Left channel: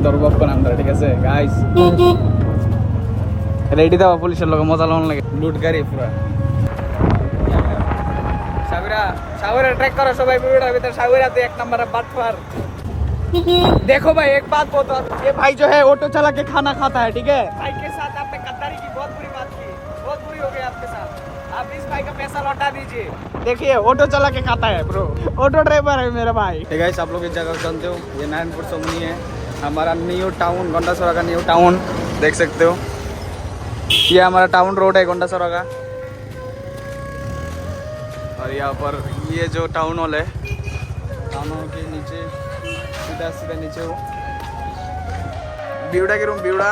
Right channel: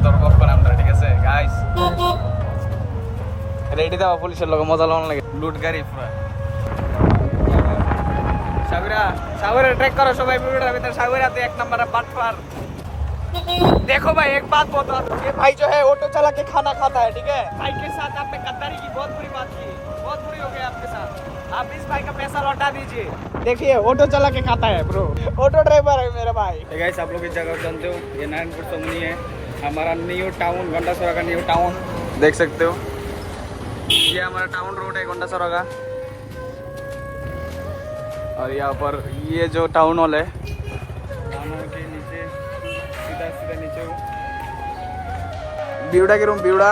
সতর্ক করে আমরা, ঠিক আছে গাইস? রেডি দাও, পুলিশের লোক মজা লোন লাগে, লুট গাড়ি পুরো। साविरा ट्रैक करो सबाई वीडियो भीतर। साविरा तो एक नंबर है बाटफार। देखो भाई एक बात बोलता हूँ, ये भाई जो है ऑटो चला के खाना खाता है, ठीक है? भाई के साथ आपने गद्दारी की, बहुत बुरी बात की, बहुत बुरी हो गई आपके साथ। आप इस भाई का पैसा लौटा दीजिए। देखिए ऑटो चला के खाता है ब्रो, ऑटो ड्राइवर है मेरा भाई। ठीक है, आप लोग इस जगह जानते हो, ये नारायणपुर सोमनी है, हमारा न्यू टाउन, गोंडासोरा का न्यू टाउन देख सकते हो। ये हमारा टाउन रोड है गोंडासोरा का, और यहाँ पर ये जो टाउन हॉल है, टाउन हॉल के नीचे सीधा सीधा नीचे वो बिवड़ा के रूम, बिवड़ा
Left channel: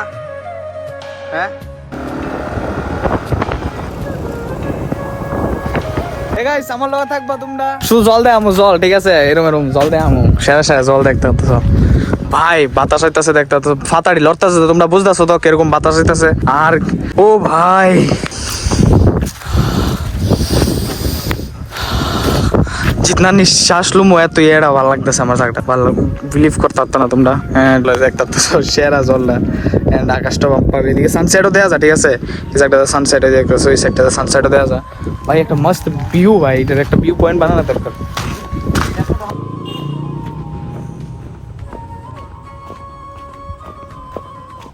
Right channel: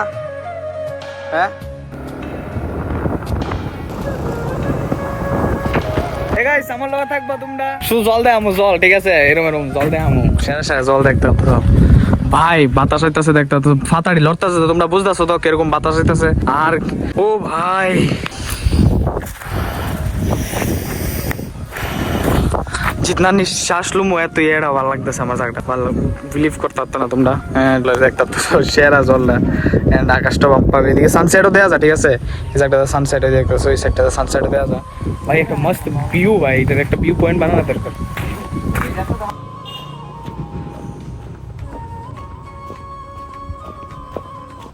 है। গাইস আমার লগে থাকবা তোমরা, শুধু জল দে আমু, জল, ঠিক আছে? এরম এরম জল দে আমু, সেরা সেরা জল দেখতে তো ভাই, বাতাস হইতাছে দেখতে তো, ফাতাড়ি লড়তাছে, তোমরা বুঝতাছো তো কিরকম বাতাস হইতাছে। আর ও ভাই जितना निश्वास लूँ मैं तो ये भाলো লাগতেছে আমার জায়গাটা, ভালো বিলিভ করতে পারতো না তোমরা। একটা তো সেরা জলটা, এন্ড আকাশটা পাবে, এদিকে সানসেটও দেওয়া যায়, ঠিক আছে? এই জায়গাটা সানসেট হয়ে দেখতেছো, ওই সাইডটাতে সানসেটও দেওয়া যায় ভাই, একটা মস্ত ভিউ ভাই, এটার একটা ভিউ পয়েন্ট বানানো দরকার।